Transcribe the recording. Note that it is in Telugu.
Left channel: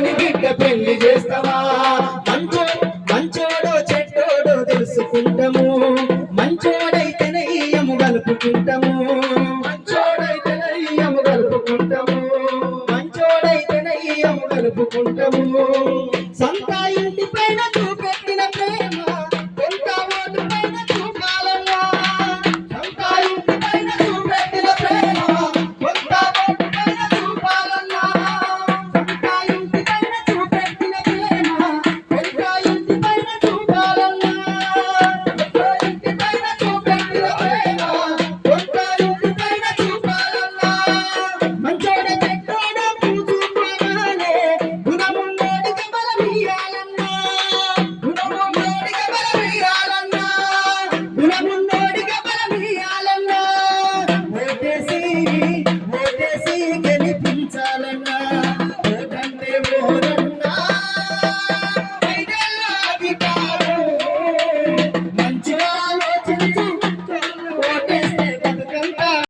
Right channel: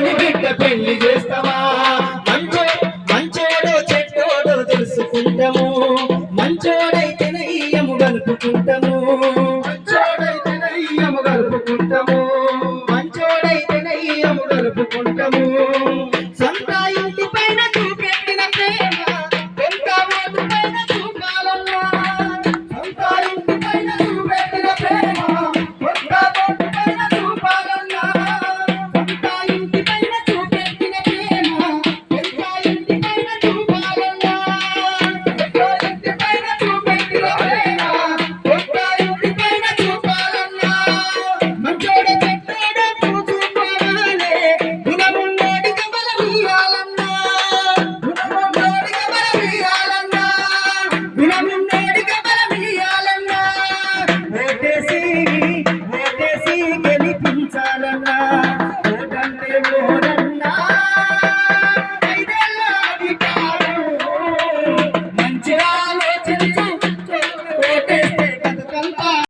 మంచోని బిడ్డ పెళ్లి చేస్తావా మంచోడో చెడ్డోడో తెలుసుకుంటాము మంచోడైతే నయ్యము గలుపుకుంటాము మంచోడైతే నయ్యము గలుపుకుంటాము మంచోడైతే నయ్యము గలుపుకుంటాము